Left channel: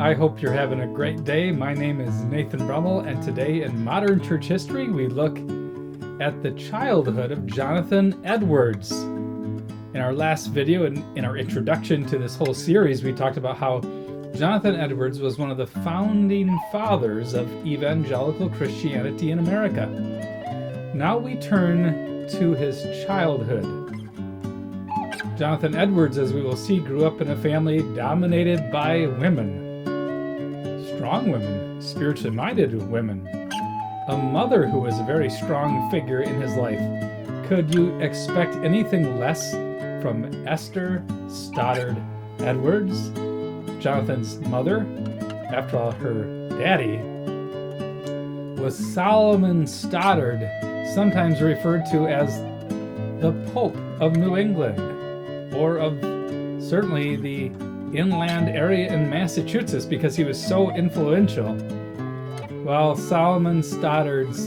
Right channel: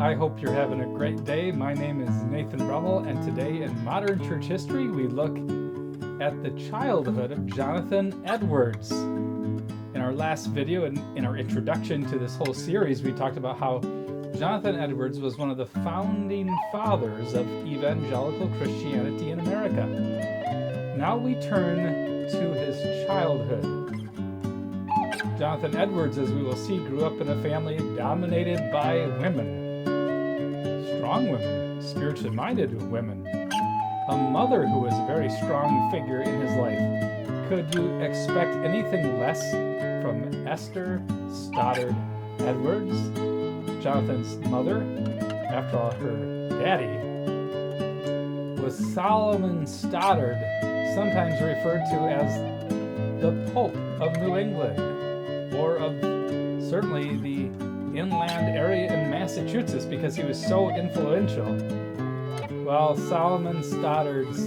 I hope you're having a great day. My name is Nathan Brummel, and today in Modern Church History, we look at the childhood of Jonathan Edwards. In our last video, in our introduction to this whole series, we talked about how Jonathan Edwards was one of the founding fathers of evangelical Christianity in America. Now we turn to his childhood. Jonathan Edwards, as we will see, grew up in a family dominated by women. Strong women, spiritually minded women. A mother who was a very strong figure in his life. Could you expect anything less from Esther Stoddard Edwards, Jonathan's mother? After all, her daddy was Solomon Stoddard, sometimes referred to as the Pope of New England, or of certainly the inland area in Massachusetts, because he was so influential. While Solomon Stoddard's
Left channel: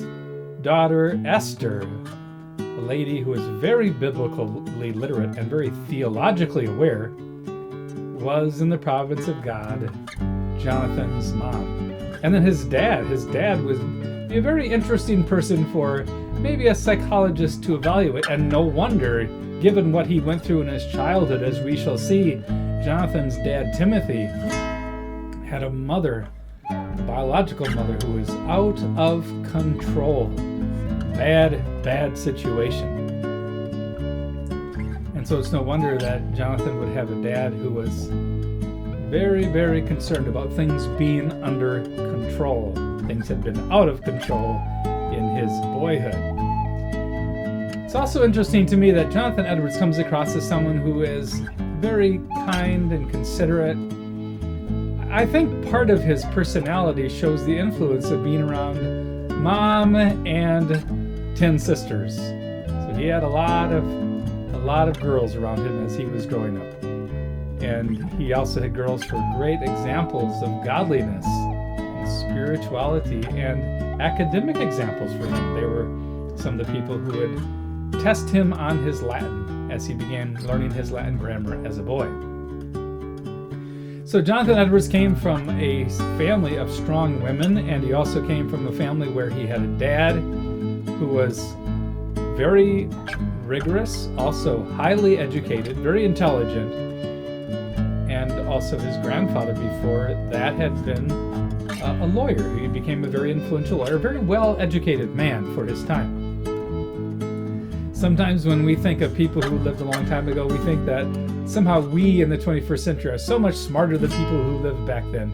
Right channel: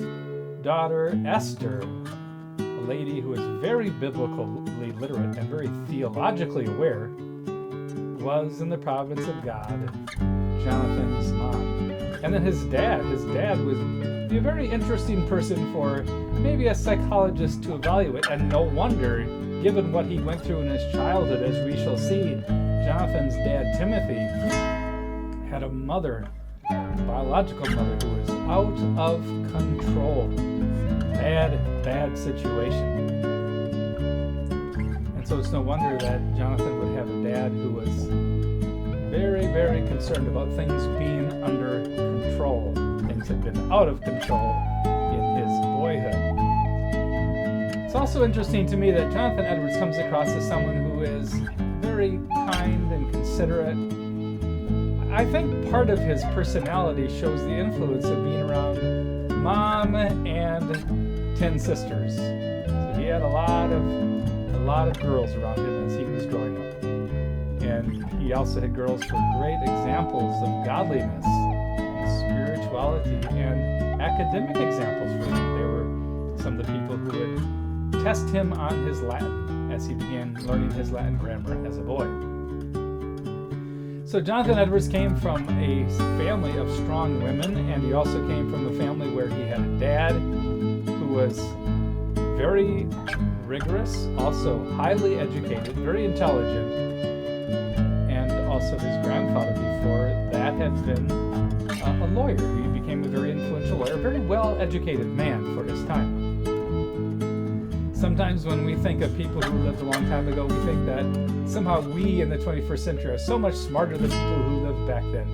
daughter Esther, a lady who was very biblically literate and very theologically aware, was in the province of God, Jonathan's mom. And then his dad was a very interesting person for maybe a psychologist to evaluate, and no wonder, given what he went through in his childhood. As we shall see, Jonathan's dad, Timothy, had a mother, a biological mother, who was out of control. Bad situation. And so it's no wonder that Jonathan would have a dad who was very, very concerned about things being under control. Things had been out of control in his boyhood. It's also interesting to me that Jonathan Edwards comes across as someone who is very kind and considerate. I think part of his personality shows the influence of being around mom and 10 sisters. So he had a lot of girls around him as he was growing up. And he also had girls who were great examples of godliness, spirituality, and academic examples for him. They were some of the people who would test him on his Latin as he began learning his Latin grammar as a boy. So Jonathan Edwards came from a family of strong women, and he also came from a family where he had a dad who was very rigorous, also highly educated, very intelligent, and also his grandfather before that had been a lawyer. He became a very influential lawyer, a very well-educated man for his time. Sometimes when we think of people who lived a long time ago, we think that somehow we in the 21st century are so much smarter than people who lived back then.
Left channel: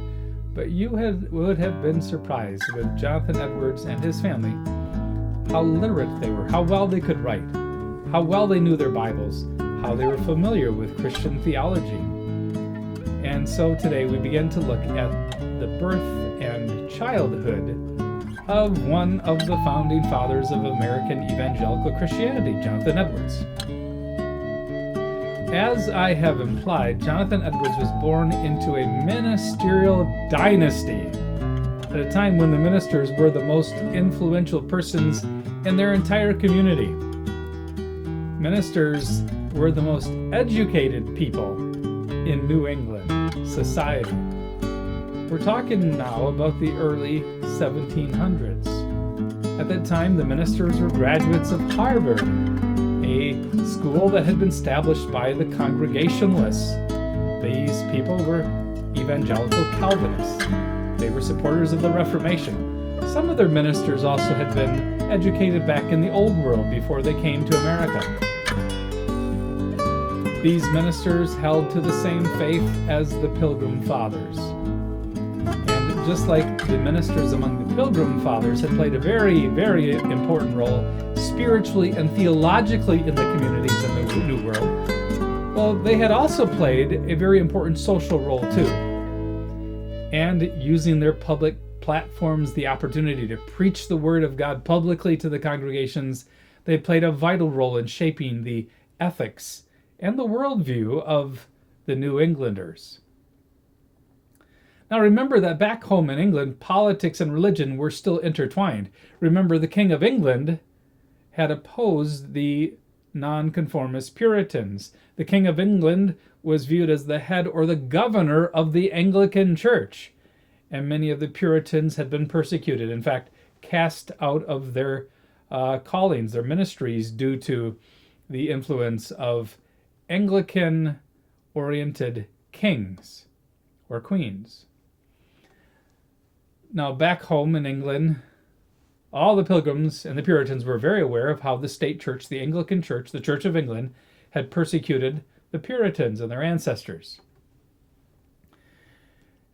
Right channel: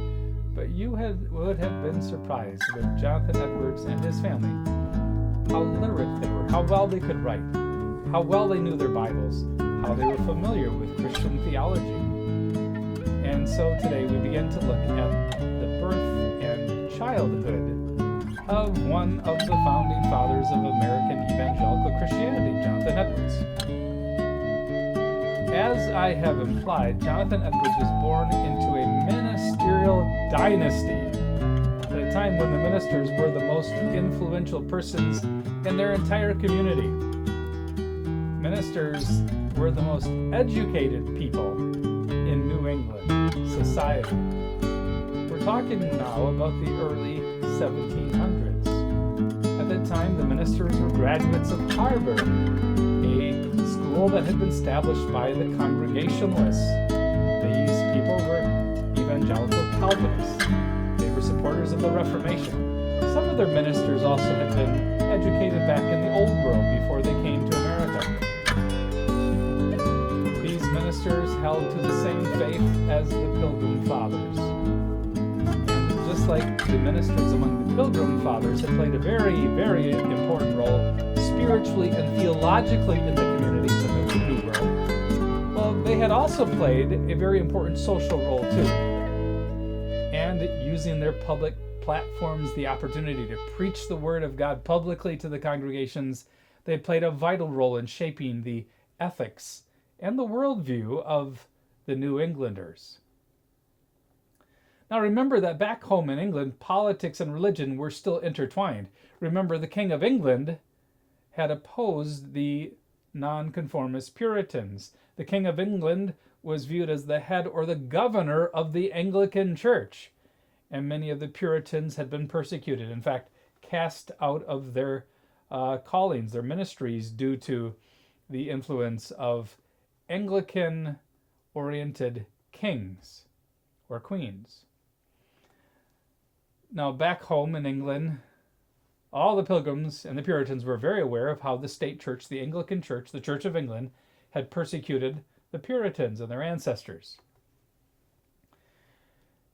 But you would have been surprised with Jonathan Edwards and his family, how literate they were, how well they could write, how well they knew their Bibles, how they were familiar with Christian theology. And so today we begin to look at the birth and childhood of one of the founding fathers of American evangelical Christianity, Jonathan Edwards. As I have implied, Jonathan Edwards was born into a ministerial dynasty at a time when the ministers were the most influential persons in their entire community. Ministers were the most educated people in New England society. We're talking now about the early 1700s. At that time, the ministers were graduates of Harvard, a school that had been established by the Congregationalists. These people were evangelical Calvinists. They were supporters of the Reformation. Some of their ministers also had been educated back in the Old World before they came to America. These ministers held to the same faith as the Pilgrim Fathers. And just like the ministers among the Pilgrim Fathers had played a very, very important role spiritually and theologically in the communities of the New World, well, they had also played a very important social role too. And using their public platforms, the opportunity to preach the Word of God publicly to the congregations, they played a vital role in shaping the ethics and the worldview of the New Englanders. Now remember that back home in England, politics and religion were still intertwined. Remember, the King of England had opposed the nonconformist Puritans. The King of England was viewed as the head or the governor of the Anglican Church, and many of the Puritans had been persecuted, in fact, cast out of their callings, their ministries, due to the influence of Anglican-oriented kings or queens. Now, back home in England, all the Pilgrims and the Puritans were very aware of how the state church, the Anglican Church, the Church of England, had persecuted the Puritans and their ancestors.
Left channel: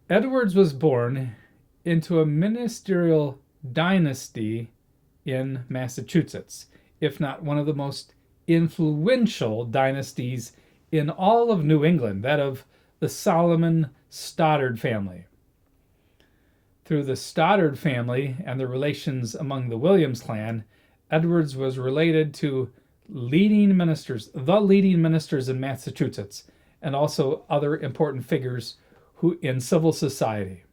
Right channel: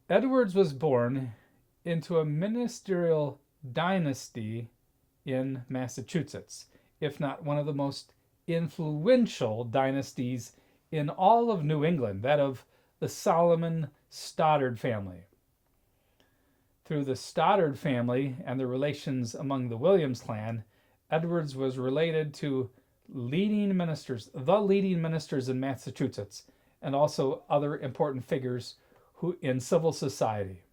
Edwards was born into a ministerial dynasty in Massachusetts, if not one of the most influential dynasties in all of New England, that of the Solomon Stoddard family. Through the Stoddard family and the relations among the Williams clan, Edwards was related to the leading ministers in Massachusetts, and also other important figures in civil society.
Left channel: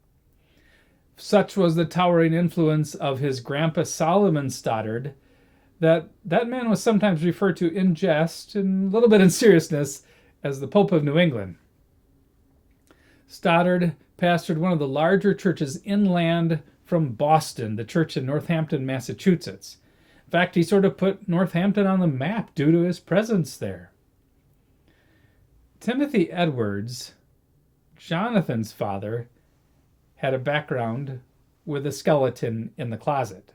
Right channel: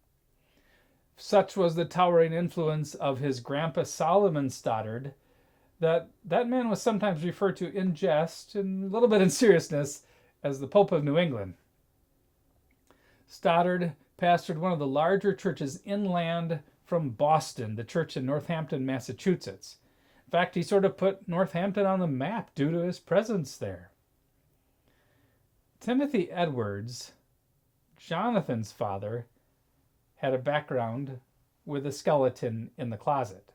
Such was the towering influence of his grandpa Solomon Stoddard that man was sometimes referred to in jest and a little bit in seriousness as the Pope of New England. Stoddard pastored one of the larger churches inland from Boston, the church in Northampton, Massachusetts. In fact, he sort of put Northampton on the map due to his presence there. Timothy Edwards, Jonathan's father, had a background with a skeleton in the closet.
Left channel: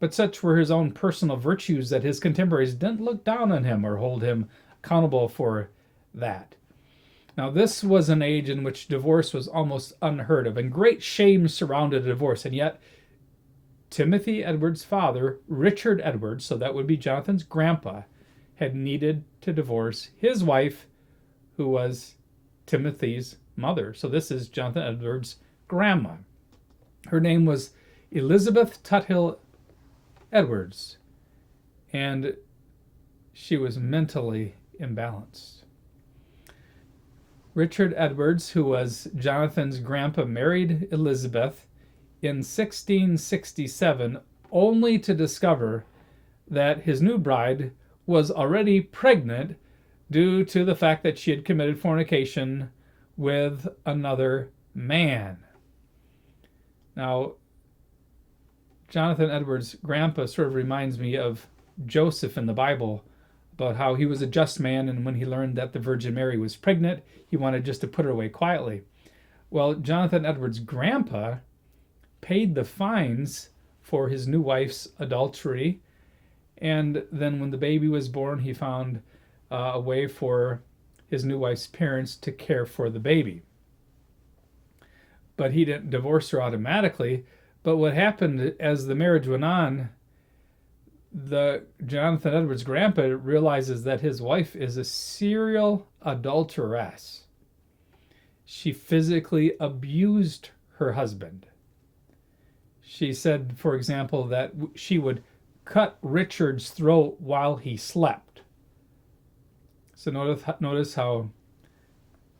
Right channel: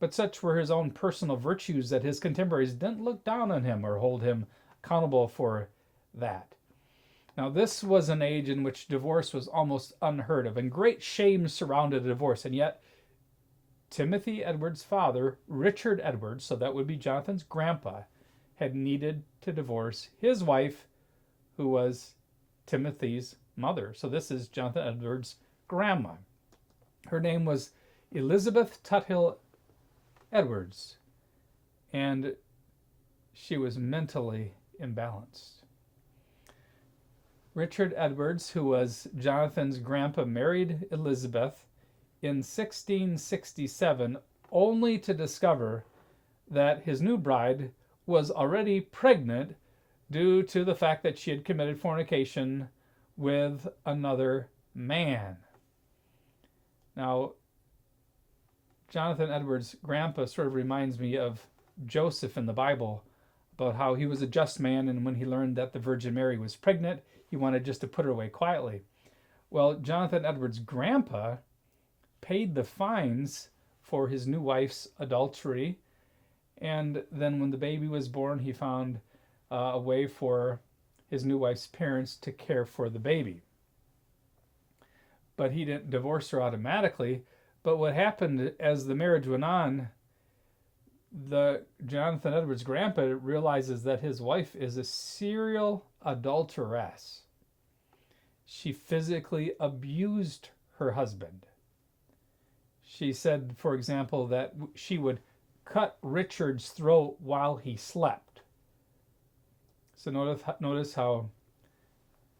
But such were his own personal virtues that his contemporaries didn't look down on him or hold him accountable for that. Now, this was an age in which divorce was almost unheard of, and great shame surrounded divorce. And yet, Timothy Edwards' father, Richard Edwards, so that would be Jonathan's grandpa, had needed to divorce his wife, who was Timothy's mother. So this is Jonathan Edwards' grandma. Her name was Elizabeth Tuthill Edwards, and she was mentally imbalanced. Richard Edwards, who was Jonathan's grandpa, married Elizabeth in 1667, only to discover that his new bride was already pregnant due to the fact that she had committed fornication with another man. Now, Jonathan Edwards' grandpa sort of reminds me of Joseph in the Bible, about how he was a just man, and when he learned that the Virgin Mary was pregnant, he wanted just to put her away quietly. Well, Jonathan Edwards' grandpa paid the fines for his new wife's adultery, and then when the baby was born, he found a way for his new wife's parents to care for the baby. But he didn't divorce her automatically. But what happened as the marriage went on, Jonathan Edwards' grandpa realizes that his wife is a serial adulteress. She physically abused her husband. She said, for example, that she would cut Richard's throat while he slept. So notice how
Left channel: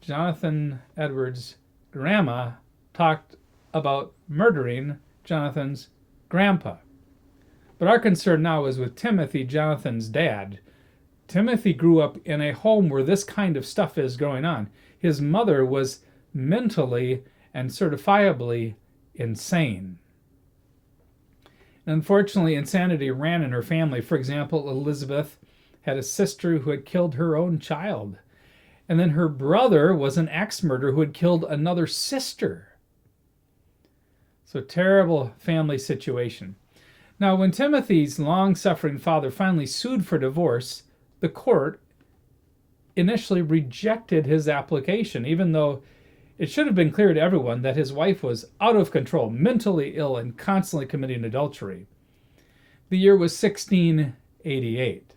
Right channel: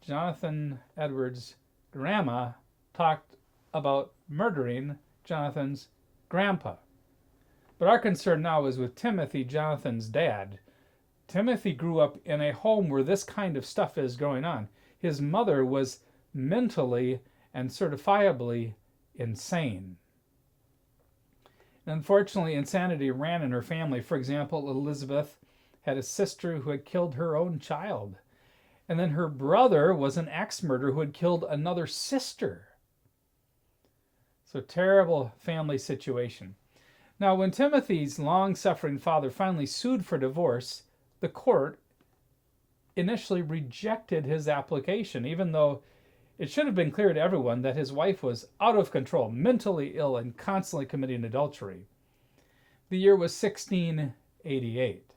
Jonathan Edwards' grandma talked about murdering Jonathan's grandpa. But our concern now is with Timothy, Jonathan's dad. Timothy grew up in a home where this kind of stuff is going on. His mother was mentally and certifiably insane. Unfortunately, insanity ran in her family. For example, Elizabeth had a sister who had killed her own child. And then her brother was an axe murderer who had killed another sister. So terrible family situation. Now, when Timothy's long-suffering father finally sued for divorce, the court initially rejected his application, even though it should have been clear to everyone that his wife was out of control, mentally ill, and constantly committing adultery. The year was 1688.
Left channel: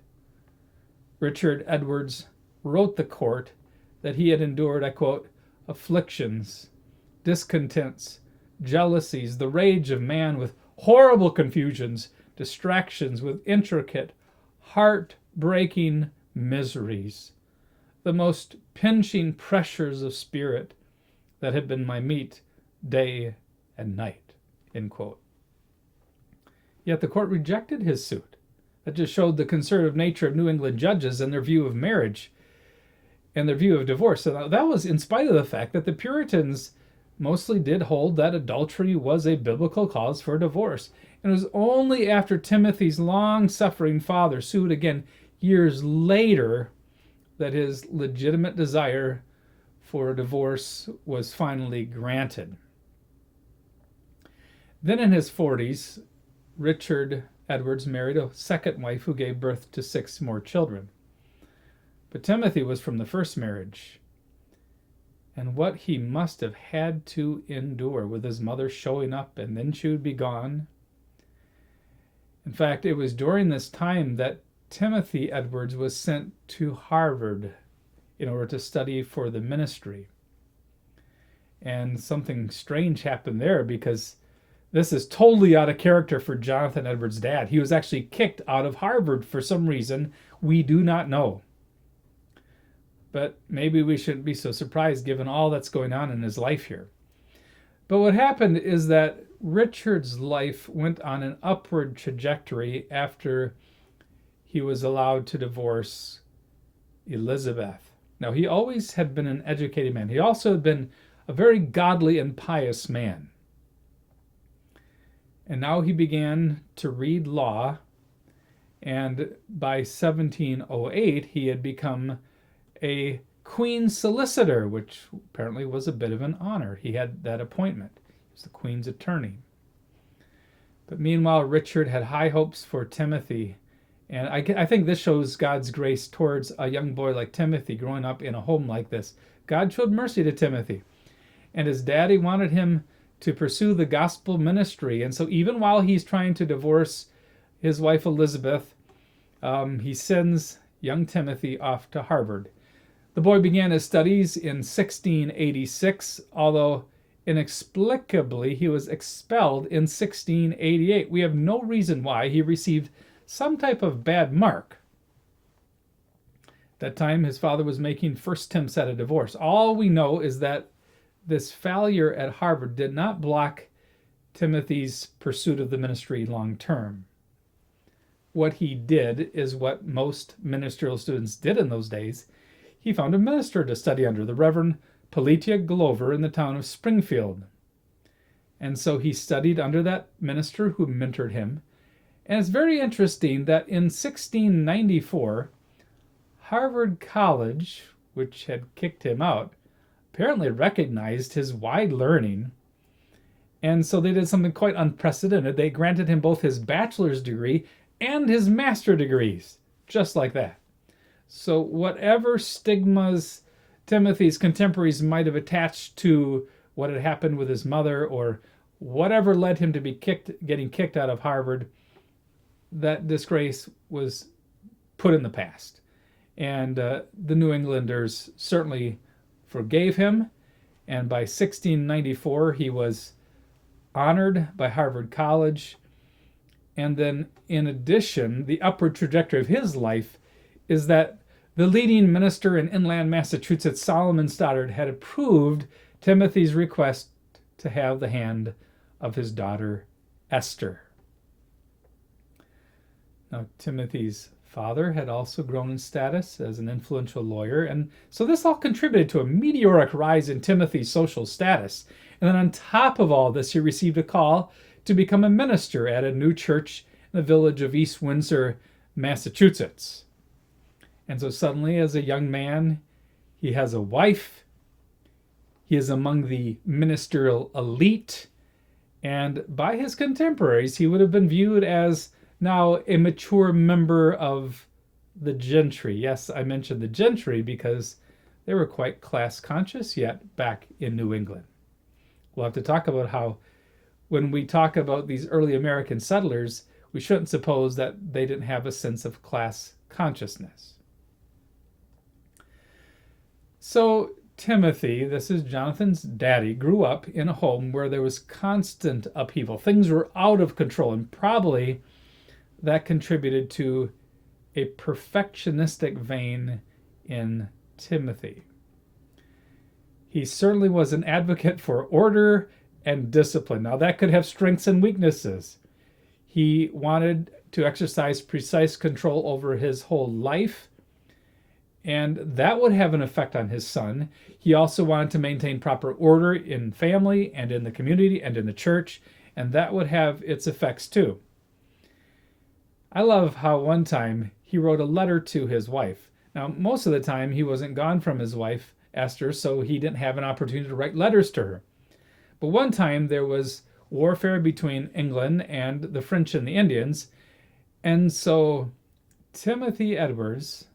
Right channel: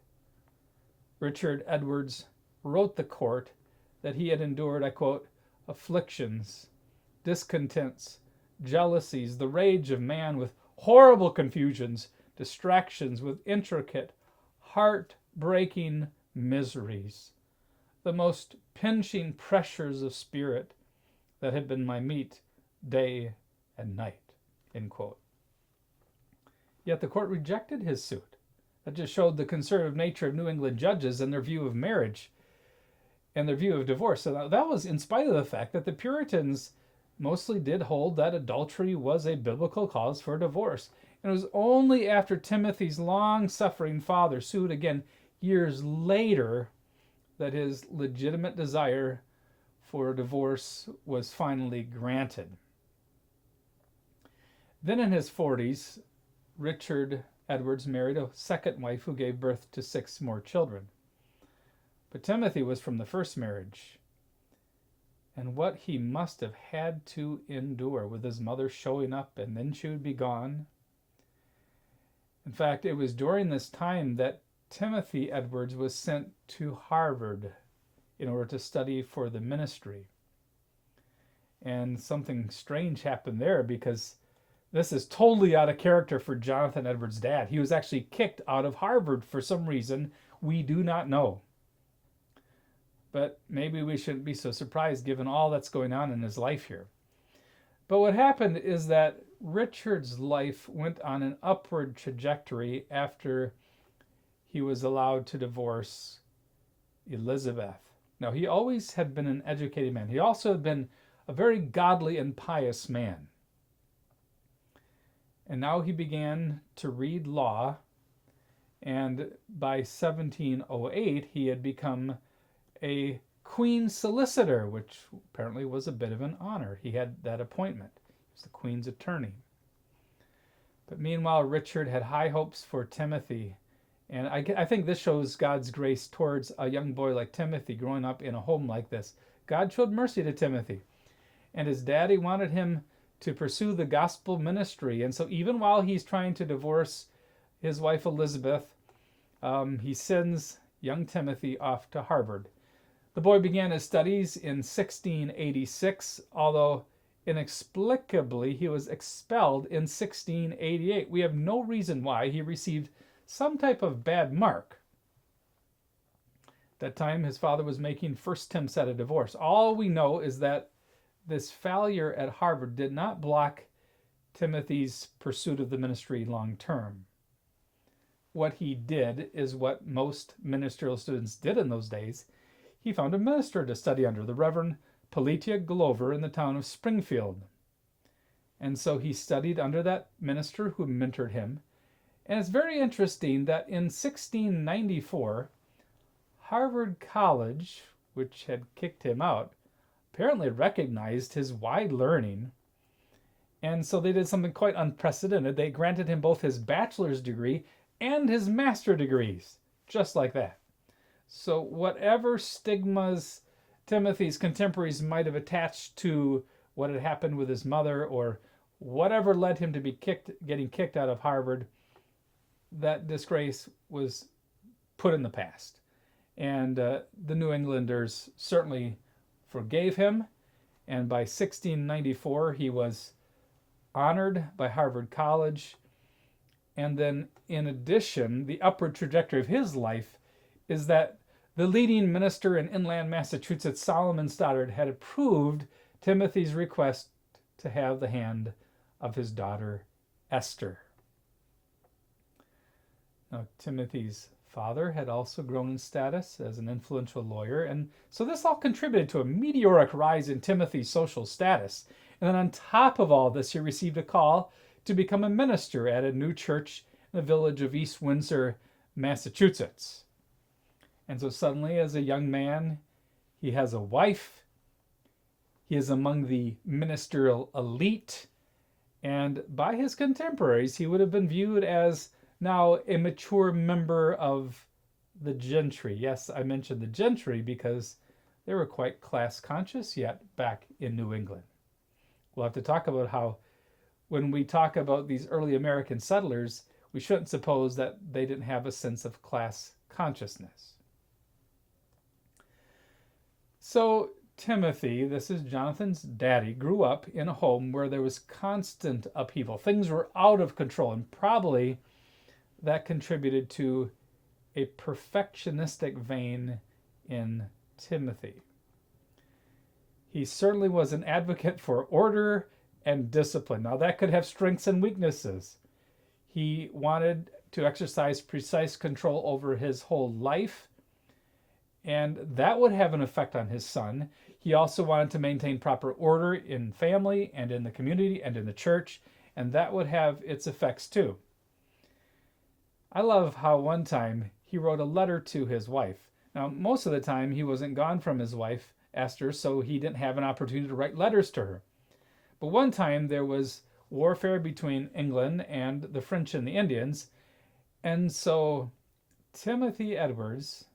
Richard Edwards wrote the court that he had endured, I quote, afflictions, discontents, jealousies, the rage of man with horrible confusions, distractions with intricate, heart-breaking miseries, the most pinching pressures of spirit that had been my meat day and night, end quote. Yet the court rejected his suit. That just showed the conservative nature of New England judges and their view of marriage and their view of divorce. So that was in spite of the fact that the Puritans mostly did hold that adultery was a biblical cause for divorce. And it was only after Timothy's long-suffering father sued again years later that his legitimate desire for divorce was finally granted. Then in his 40s, Richard Edwards married a second wife who gave birth to 6 more children. But Timothy was from the first marriage. And what he must have had to endure with his mother showing up and then she would be gone. In fact, it was during this time that Timothy Edwards was sent to Harvard in order to study for the ministry. And something strange happened there, because this is totally out of character for Jonathan Edwards' dad. He was actually kicked out of Harvard for some reason we do not know. But maybe we shouldn't be so surprised given all that's going on in his life here. But what happened is that Richard's life went on an upward trajectory after he was allowed to divorce Elizabeth. Now, he always had been an educated man. He also had been a very godly and pious man. And now he began to read law, and by 1708 he had become a queen's solicitor, which apparently was a bit of an honor. He had that appointment. He was the queen's attorney. But meanwhile, Richard had high hopes for Timothy, and I think this shows God's grace towards a young boy like Timothy growing up in a home like this. God showed mercy to Timothy, and his daddy wanted him to pursue the gospel ministry. And so even while he's trying to divorce his wife Elizabeth, he sends young Timothy off to Harvard. The boy began his studies in 1686, although inexplicably he was expelled in 1688. We have no reason why. He received some type of bad mark. At that time, his father was making first attempts at a divorce. All we know is that this failure at Harvard did not block Timothy's pursuit of the ministry long term. What he did is what most ministerial students did in those days. He found a minister to study under, the Reverend Pelatia Glover, in the town of Springfield. And so he studied under that minister who mentored him. And it's very interesting that in 1694, Harvard College, which had kicked him out, apparently recognized his wide learning. And so they did something quite unprecedented. They granted him both his bachelor's degree and his master's degrees, just like that. So whatever stigmas Timothy's contemporaries might have attached to what had happened with his mother, or whatever led him to be getting kicked out of Harvard, that disgrace was put in the past. And the New Englanders certainly forgave him, and by 1694 he was honored by Harvard College. And then in addition, the upward trajectory of his life is that the leading minister in inland Massachusetts, Solomon Stoddard, had approved Timothy's request to have the hand of his daughter Esther. Now, Timothy's father had also grown in status as an influential lawyer, and so this all contributed to a meteoric rise in Timothy's social status. And then on top of all this, he received a call to become a minister at a new church in the village of East Windsor, Massachusetts. And so suddenly, as a young man, he has a wife, he is among the ministerial elite, and by his contemporaries, he would have been viewed as now a mature member of the gentry. Yes, I mentioned the gentry because they were quite class conscious yet back in New England. We'll have to talk about how when we talk about these early American settlers, we shouldn't suppose that they didn't have a sense of class consciousness. So Timothy, this is Jonathan's daddy, grew up in a home where there was constant upheaval. Things were out of control, and probably that contributed to a perfectionistic vein in Timothy. He certainly was an advocate for order and discipline. Now, that could have strengths and weaknesses. He wanted to exercise precise control over his whole life, and that would have an effect on his son. He also wanted to maintain proper order in family and in the community and in the church, and that would have its effects too. I love how one time he wrote a letter to his wife. Now, most of the time he wasn't gone from his wife, Esther, so he didn't have an opportunity to write letters to her. But one time there was warfare between England and the French and the Indians, and so Timothy Edwards,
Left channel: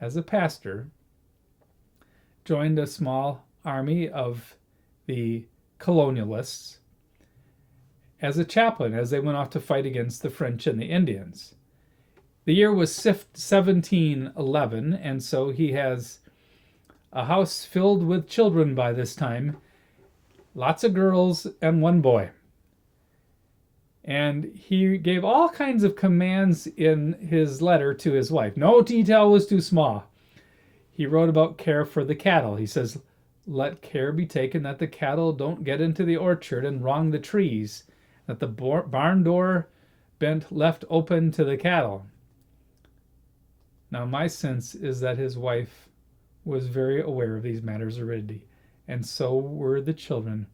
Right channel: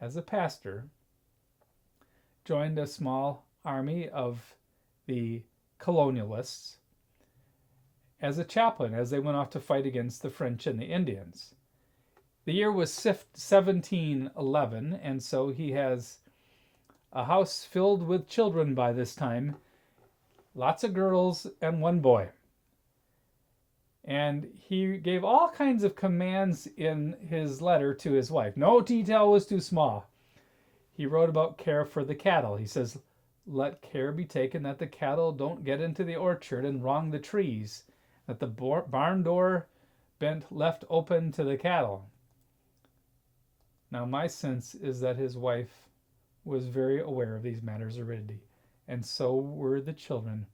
as a pastor, joined a small army of the colonialists as a chaplain as they went off to fight against the French and the Indians. The year was 1711, and so he has a house filled with children by this time, lots of girls and one boy. And he gave all kinds of commands in his letter to his wife. No detail was too small. He wrote about care for the cattle. He says, "Let care be taken that the cattle don't get into the orchard and wrong the trees, that the barn door bent left open to the cattle." Now, my sense is that his wife was very aware of these matters already, and so were the children.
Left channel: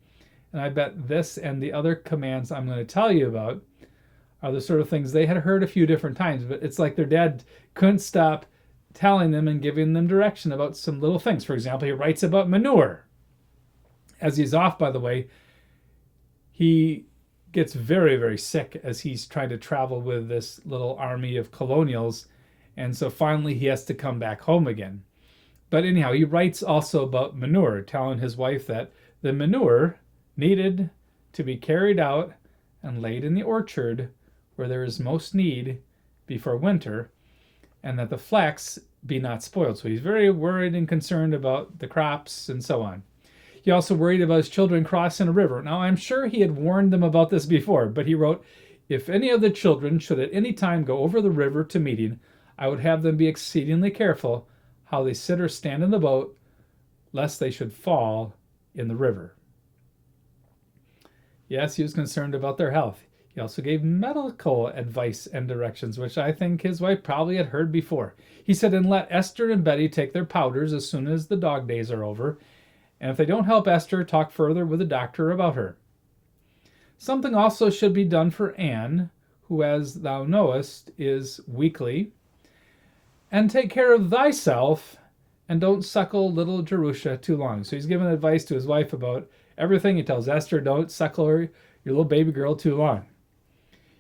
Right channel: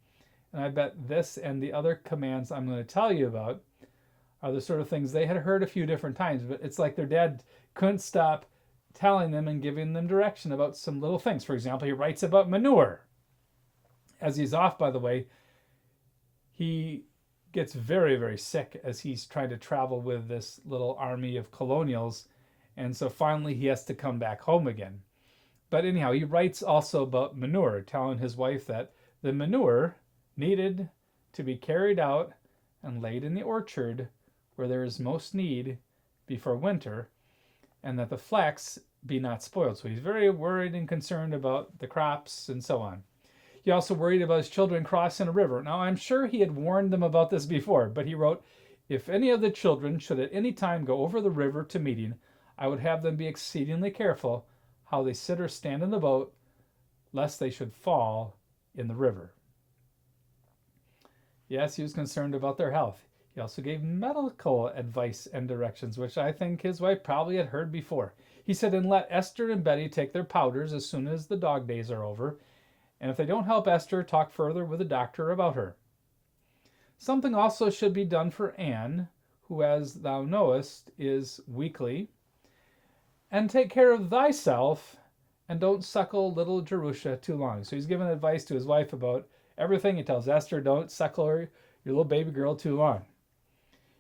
And I bet this and the other commands I'm going to tell you about are the sort of things they had heard a few different times, but it's like their dad couldn't stop telling them and giving them direction about some little things. For example, he writes about manure. As he's off, by the way, he gets very, very sick as he's trying to travel with this little army of colonials, and so finally he has to come back home again. But anyhow, he writes also about manure, telling his wife that the manure needed to be carried out and laid in the orchard where there is most need before winter, and that the flax be not spoiled. So he's very worried and concerned about the crops and so on. He also worried about his children crossing a river. Now, I'm sure he had warned them about this before, but he wrote, "If any of the children should at any time go over the river to meeting, I would have them be exceedingly careful how they sit or stand in the boat, lest they should fall in the river." Yes, he was concerned about their health. He also gave medical advice and directions, which I think his wife probably had heard before. He said, "And let Esther and Betty take their powders as soon as the dog days are over. And if they don't help Esther, talk further with the doctor about her. Something also should be done for Anne, who, as thou knowest, is weakly. And take care of thyself, and don't suckle little Jerusha too long." So he's giving advice to his wife about everything. He tells Esther, don't suckle her, your little baby girl, too long.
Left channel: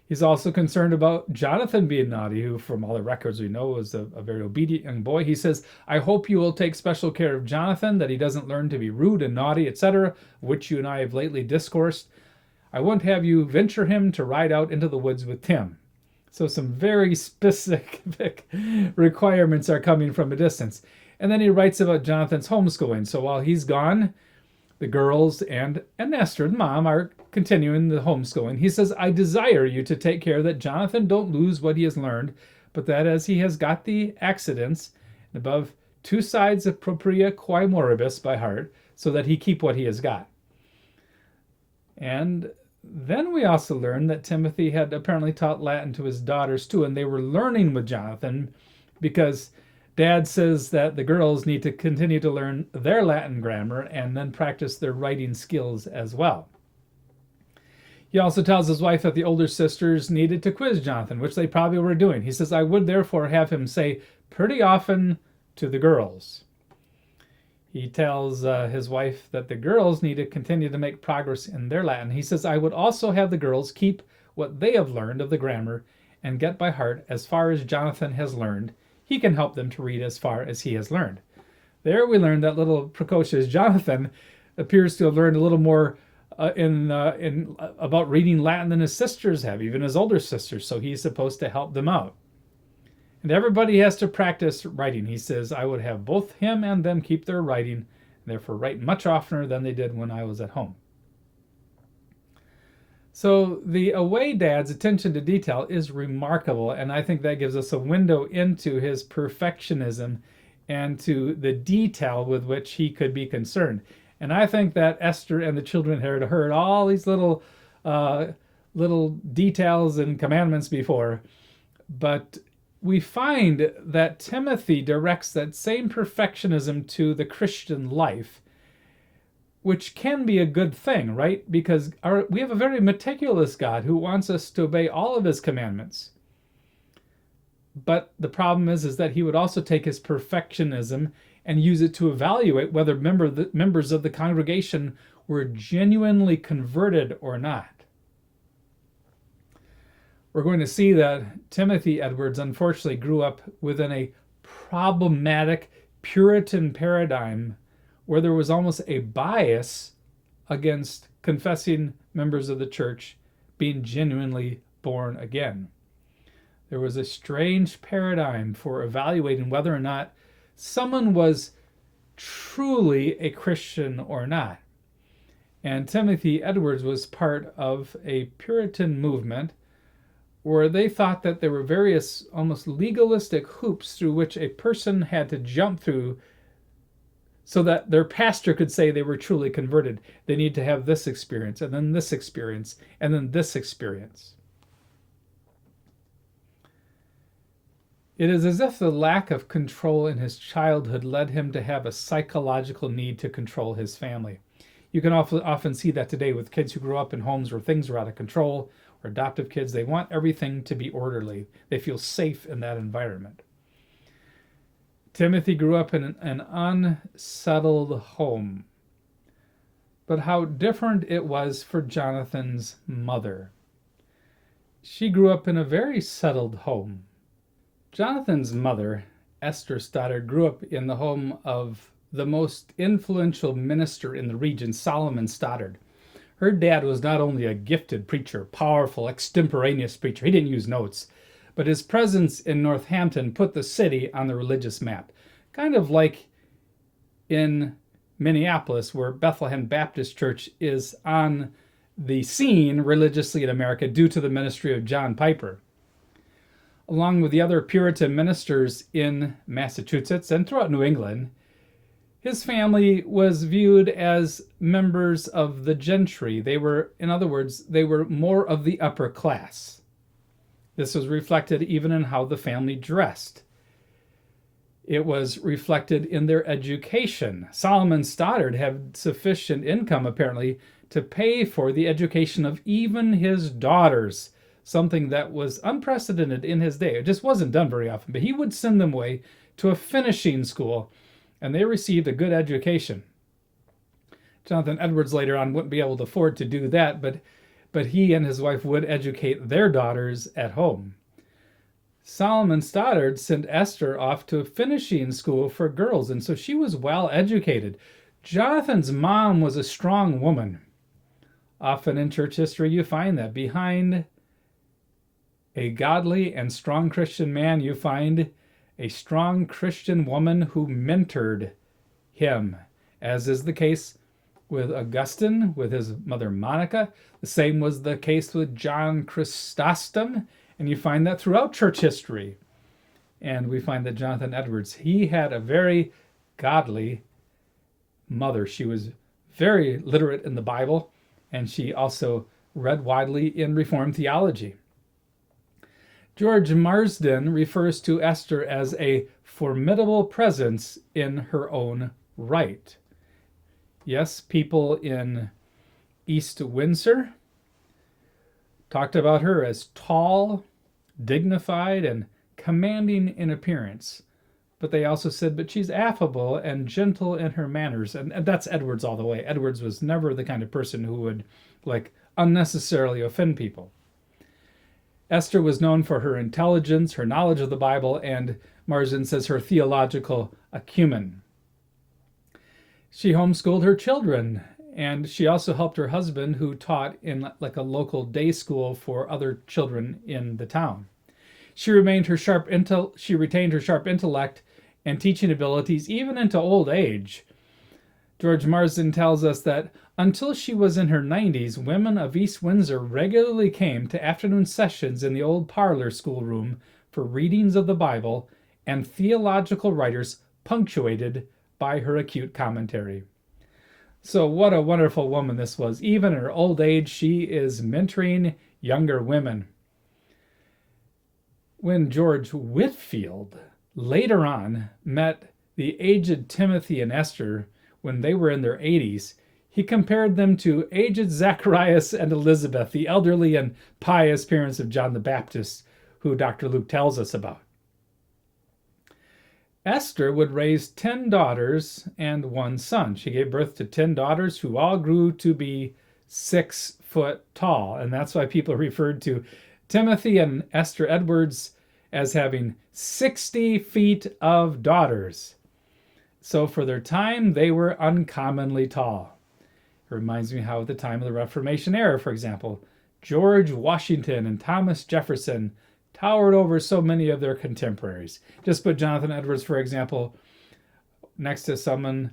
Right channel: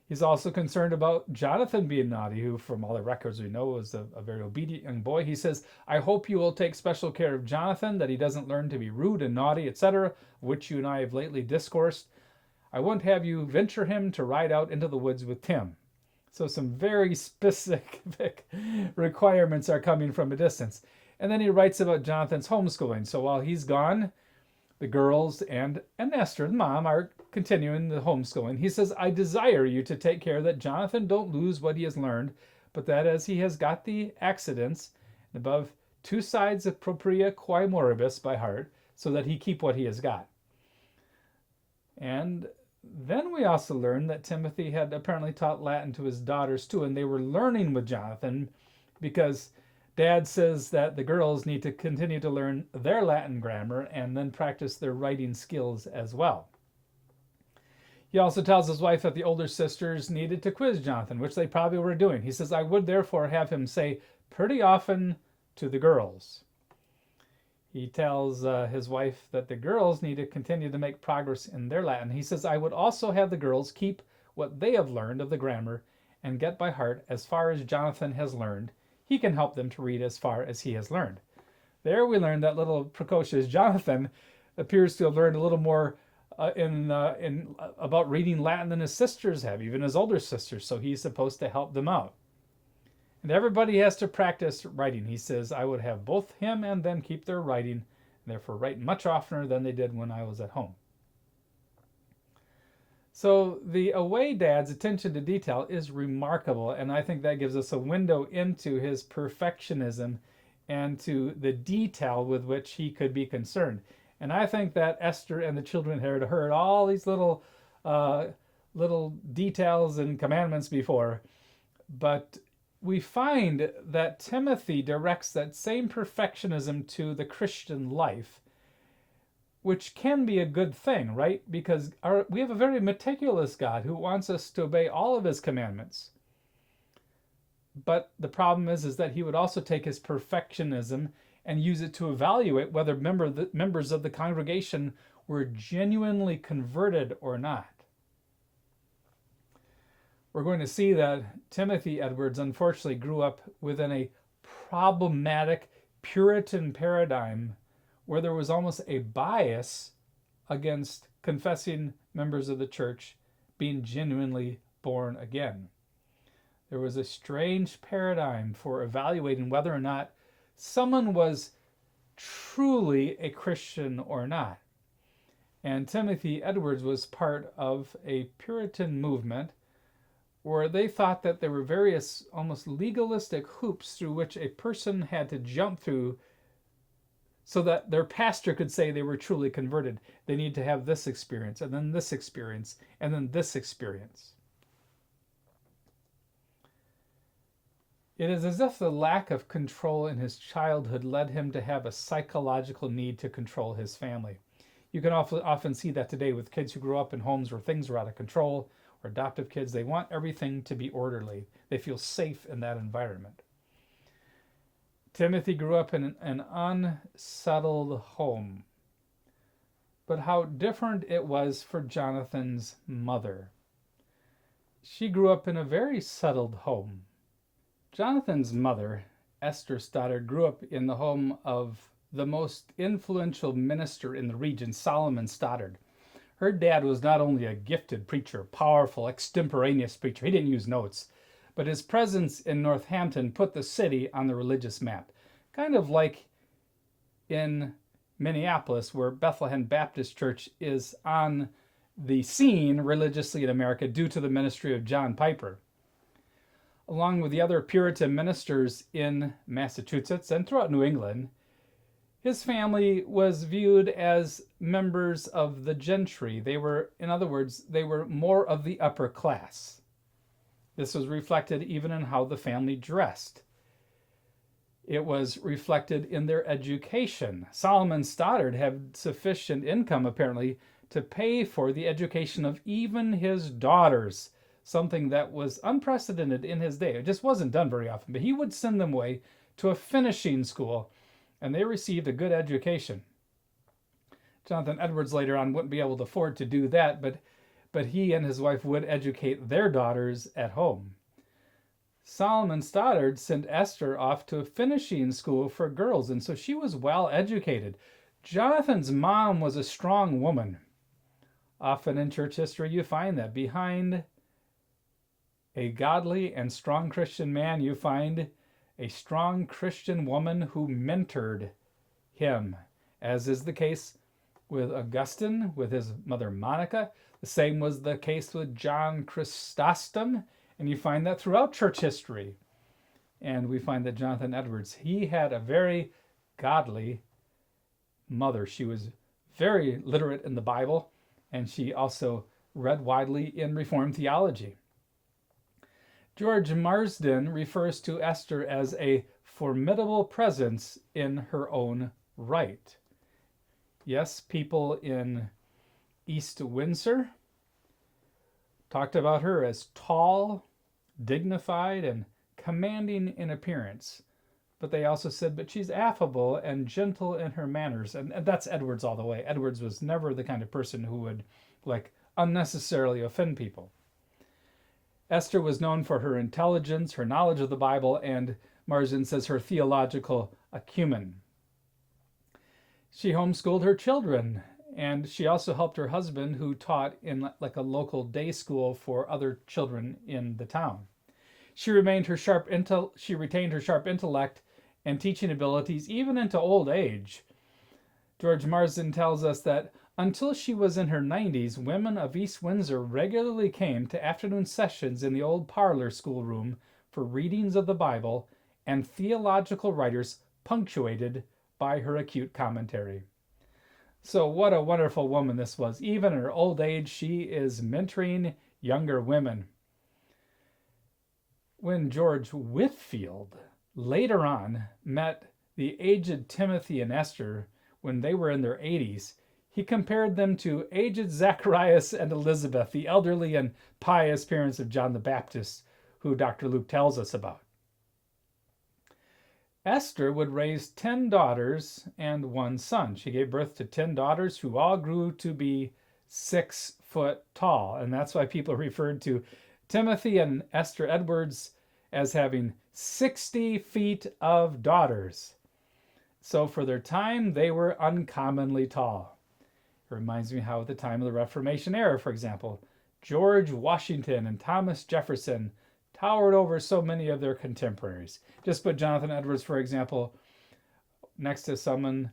He's also concerned about Jonathan being naughty, who, from all the records we know, was a very obedient young boy. He says, "I hope you will take special care of Jonathan, that he doesn't learn to be rude and naughty, etc., which you and I have lately discoursed. I won't have you venture him to ride out into the woods with Tim." So some very specific requirements are coming from a distance. And then he writes about Jonathan's homeschooling. So while he's gone, the girls and Esther, the mom, are continuing the homeschooling. He says, "I desire you to take care that Jonathan don't lose what he has learned, but that as he has got the accidents above 2 sides of propria quae moribus by heart, so that he keep what he has got." And then we also learn that Timothy had apparently taught Latin to his daughters too, and they were learning with Jonathan because Dad says that the girls need to continue to learn their Latin grammar and then practice their writing skills as well. He also tells his wife that the older sisters needed to quiz Jonathan, which they probably were doing. He says, "I would therefore have him say pretty often to the girls." He tells his wife that the girls need to continue to make progress in their Latin. He says, "I would also have the girls keep what they have learned of the grammar and get by heart as far as Jonathan has learned. He can help them to read as far as he has learned." There we learned that little precocious Jonathan appears to have learned a little more in about reading Latin than his sisters have, even his older sisters. So he's supposed to help them out. And everybody has to practice writing. He says, "I would have both him and them keep their writing, and therefore write much oftener than they did when I was at home." So the away dad's attention to detail is remarkable, and I think that gives us a window into his perfectionism and to the detail with which he could be concerned. And I think that Esther and the children had heard all these little little details and commandments before, but we find that Timothy directs that same perfectionism to the Christian life, which can be a good thing, right? Because we have a very meticulous God who wants us to obey all of his commandments. But the problem is that he would also take his perfectionism and use it to evaluate whether members of the congregation were genuinely converted or not. We're going to see that Timothy Edwards unfortunately grew up within a problematic Puritan paradigm where there was almost a bias against confessing members of the church being genuinely born again. There was a strange paradigm for evaluating whether or not someone was truly a Christian or not. And Timothy Edwards was part of a Puritan movement where they thought that there were various almost legalistic hoops through which a person had to jump through so that their pastor could say they were truly converted. They need to have this experience, and then this experience, and then this experience. It is as if the lack of control in his childhood led him to have a psychological need to control his family. You can often see that today with kids who grow up in homes where things are out of control, or adoptive kids. They want everything to be orderly. They feel safe in that environment. Timothy grew up in an unsettled home. But how different it was for Jonathan's mother. She grew up in a very settled home. Jonathan's mother, Esther Stoddard, grew up in the home of the most influential minister in the region, Solomon Stoddard. Her dad was not only a gifted preacher, powerful, extemporaneous preacher, he didn't use notes, but his presence in Northampton put the city on the religious map. Kind of like in Minneapolis, where Bethlehem Baptist Church is on the scene religiously in America due to the ministry of John Piper. Along with the other Puritan ministers in Massachusetts and throughout New England, his family was viewed as members of the gentry. They were, in other words, they were more of the upper class. This was reflected even in how the family dressed. It was reflected in their education. Solomon Stoddard had sufficient income, apparently, to pay for the education of even his daughters, something that was unprecedented in his day. It just wasn't done very often, but he would send them away to a finishing school, and they received a good education. Jonathan Edwards later on wouldn't be able to afford to do that, but he and his wife would educate their daughters at home. Solomon Stoddard sent Esther off to a finishing school for girls, and so she was well educated. Jonathan's mom was a strong woman. Often in church history you find that behind a godly and strong Christian man, you find a strong Christian woman who mentored him, as is the case with Augustine, with his mother Monica. The same was the case with John Chrysostom, and you find that throughout church history. And we find that Jonathan Edwards, he had a very godly mother. She was very literate in the Bible, and she also read widely in Reformed theology. George Marsden refers to Esther as a formidable presence in her own right. Yes, people in East Windsor talked about her as tall, dignified, and commanding in appearance. But they also said, but she's affable and gentle in her manners. And that's Edwards all the way. Edwards was never the kind of person who would unnecessarily offend people. Esther was known for her intelligence, her knowledge of the Bible, and Marsden says her theological acumen. She homeschooled her children, and she also helped her husband, who taught in a local day school for other children in the town. She retained her sharp intellect and teaching abilities even into old age. George Marsden tells us that until she was in her 90s, women of East Windsor regularly came to afternoon sessions in the old parlor schoolroom for readings of the Bible and theological writers punctuated by her acute commentary. So what a wonderful woman this was. Even in her old age, she is mentoring younger women. When George Whitfield later on met the aged Timothy and Esther when they were in their 80s, he compared them to aged Zacharias and Elizabeth, the elderly and pious parents of John the Baptist, who Dr. Luke tells us about. Esther would raise 10 daughters and 1 son. She gave birth to 10 daughters who all grew to be 6 foot tall. And that's why people referred to Timothy and Esther Edwards as having 60 feet of daughters. So for their time, they were uncommonly tall. It reminds me how at the time of the Reformation era, for example, George Washington and Thomas Jefferson towered over so many of their contemporaries. Just put Jonathan Edwards, for example, next to someone,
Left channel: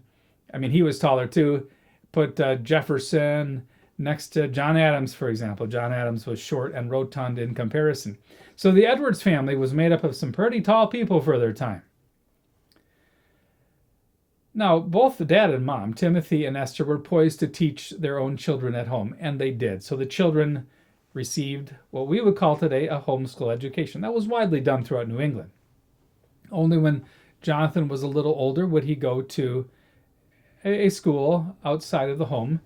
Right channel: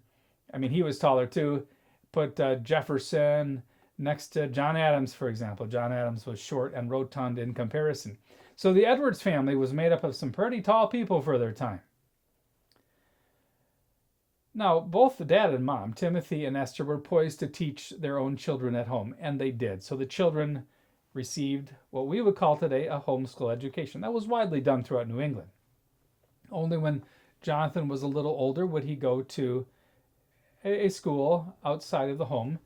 he was taller too. Put Jefferson next to John Adams, for example. John Adams was short and rotund in comparison. So the Edwards family was made up of some pretty tall people for their time. Now, both the dad and mom, Timothy and Esther, were poised to teach their own children at home, and they did. So the children received what we would call today a homeschool education. That was widely done throughout New England. Only when Jonathan was a little older would he go to a school outside of the home.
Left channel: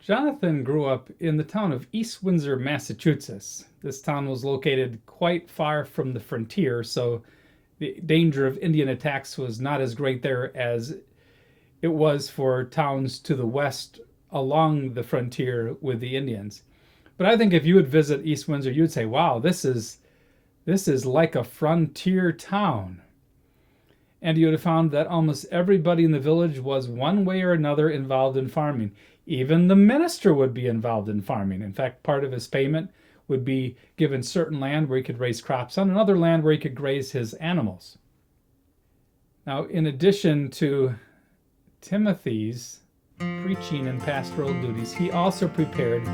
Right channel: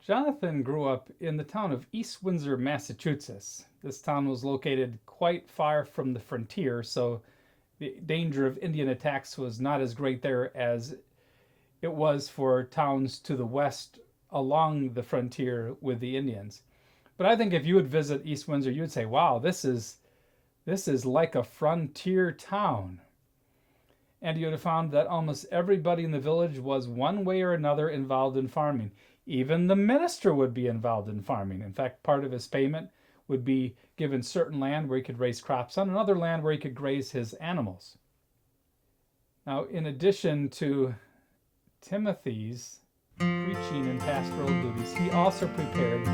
Jonathan grew up in the town of East Windsor, Massachusetts. This town was located quite far from the frontier, so the danger of Indian attacks was not as great there as it was for towns to the west along the frontier with the Indians. But I think if you would visit East Windsor, you'd say, wow, this is like a frontier town. And you would have found that almost everybody in the village was one way or another involved in farming. Even the minister would be involved in farming. In fact, part of his payment would be given certain land where he could raise crops on, and other land where he could graze his animals. Now, in addition to Timothy's preaching and pastoral duties, he also prepared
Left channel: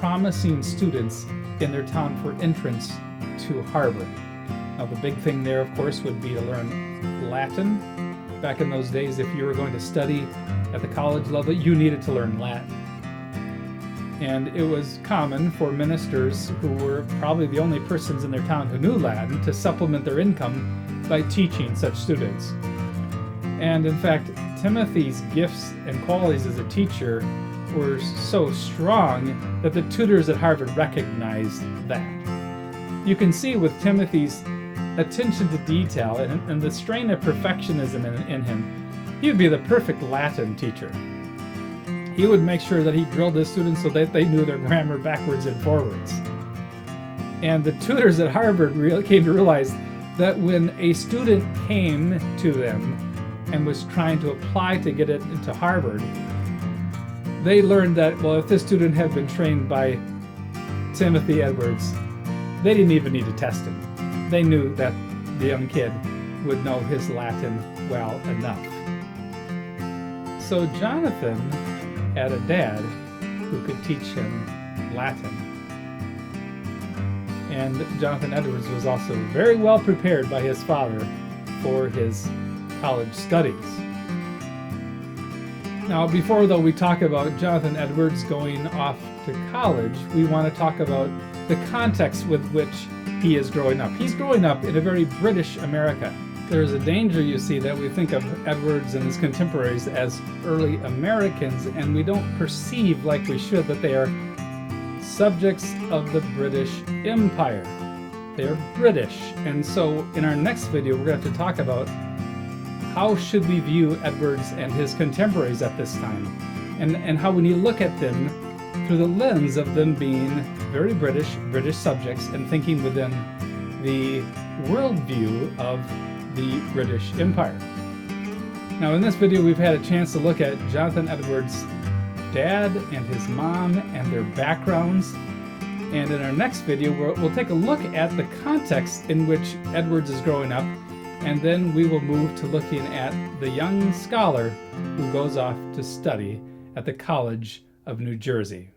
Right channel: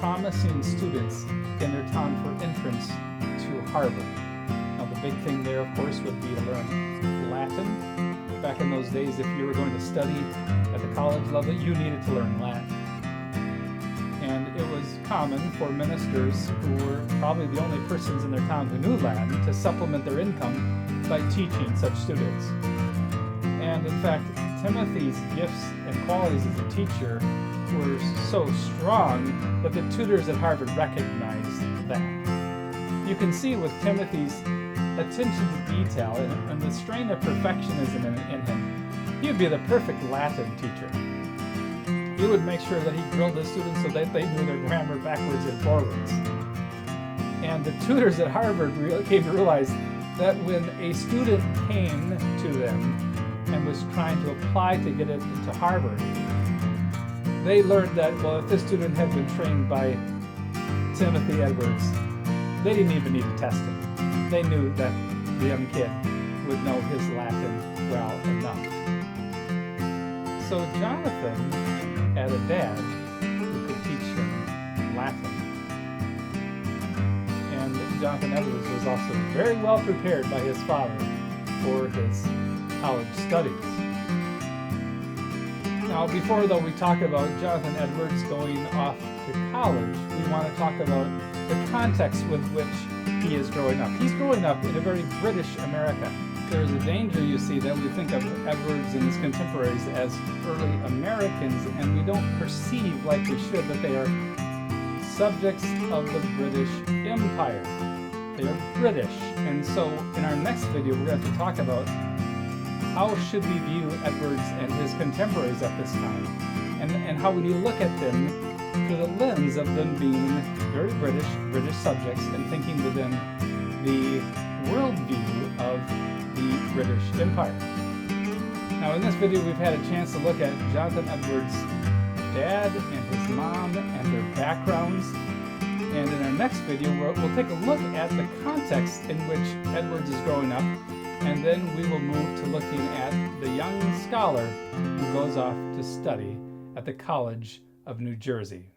promising students in their town for entrance to Harvard. Now, the big thing there, of course, would be to learn Latin. Back in those days, if you were going to study at the college level, you needed to learn Latin. And it was common for ministers who were probably the only persons in their town who knew Latin to supplement their income by teaching such students. And in fact, Timothy's gifts and qualities as a teacher were so strong that the tutors at Harvard recognized that. You can see with Timothy's attention to detail and the strain of perfectionism in him, he would be the perfect Latin teacher. He would make sure that he drilled his students so that they knew their grammar backwards and forwards. And the tutors at Harvard came to realize that when a student came to them and was trying to apply to get it into Harvard, they learned that, well, if this student had been trained by Timothy Edwards, they didn't even need to test him. They knew that the young kid would know his Latin well enough. So Jonathan had a dad who could teach him Latin. And Jonathan Edwards was also very well prepared by his father for his college studies. Now, before though we talk about Jonathan Edwards going off to college, we want to talk about the context with which he is growing up. He's growing up in a very British America. There's a danger, you see, that we think of Edwards and his contemporaries as early Americans, and we don't perceive, like we should, that they are subjects of the British Empire. They are British. And so in our next video, we're going to have to talk about how should we view Edwards and his contemporaries at this time, and how when you look at them through the lens of them being very British subjects and thinking within the worldview of the British Empire. Now in this video we've had a chance to look at Jonathan Edwards' dad and his mom and their backgrounds, and in our next video we'll take a look at the context in which Edwards is growing up, and then we will move to looking at the young scholar who goes off to study at the College of New Jersey.